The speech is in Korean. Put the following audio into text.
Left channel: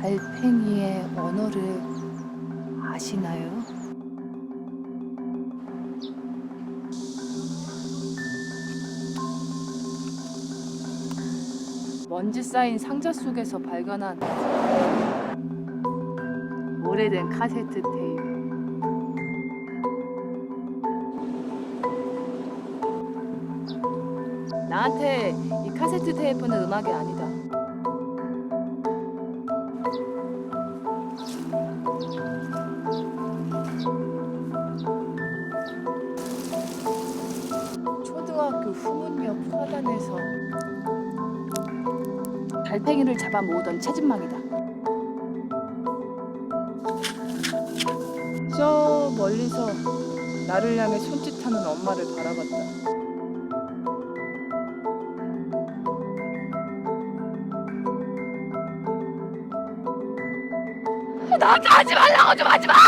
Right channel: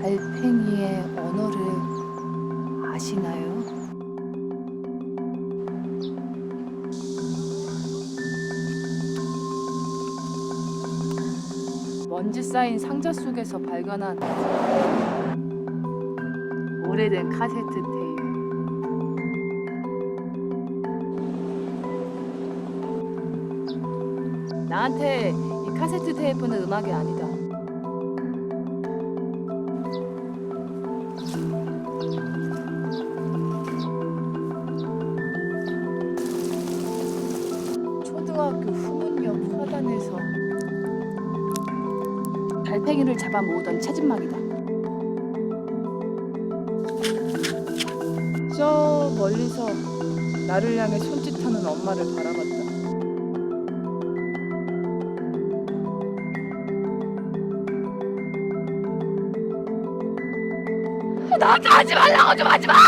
달팽이의 언어를 아시나요? 먼지 쌓인 상자 속에서 발견한 오래된 카세트 테이프. 나한테 이 카세트 테이프는 음악이 아니다. 초등학교 후문역 화단에서 달팽이를 잡아 모으던 채집망이다. 저 멀리서 나를 향해 손짓하는 엄마를 바라봤다. 나한테 하지 말라고 좀 하지 마!